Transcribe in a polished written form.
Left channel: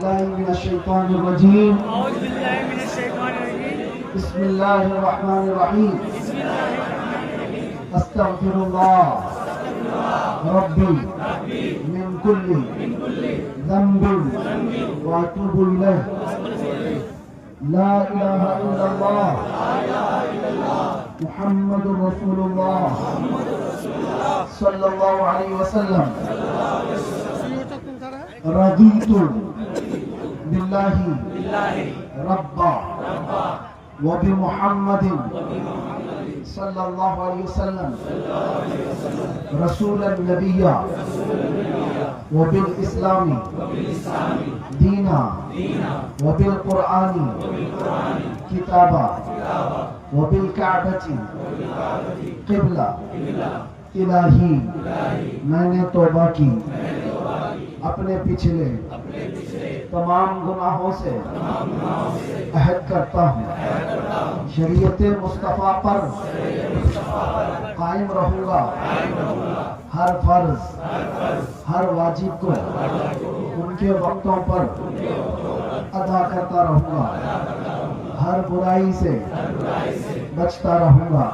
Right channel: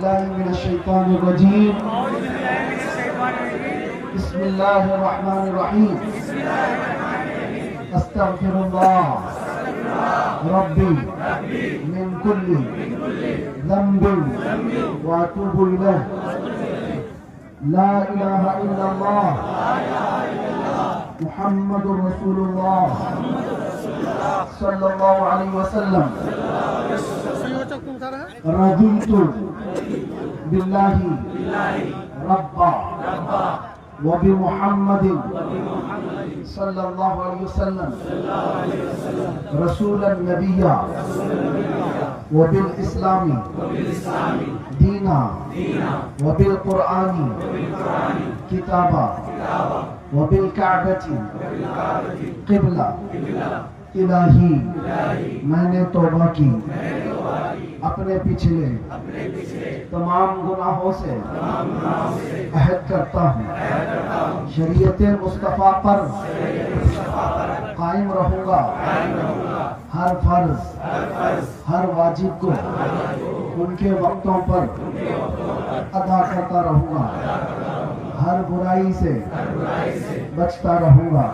من الشيطان الرجيم. بسم الله الرحمن الرحيم. استغفر الله ربي من كل ذنب واتوب اليه. لا اله الا الله محمد رسول الله صلى الله عليه وسلم. رضيت بالله ربا وبمحمد صلى الله عليه وسلم رسولا نبيا وبالإسلام دينا وبالقرآن كتابا وبالكعبة قبلة. الہی میں نے توبہ کی اپنے پچھلے تمام گناہوں سے عہد کرتا ہوں شریعت مصطفیٰ پر قائم رہوں گا. ہر فرض ہر واجب کو ان کے وقتوں پر ادا کرتا رہوں گا. ہر برائی سے بچتا رہوں گا.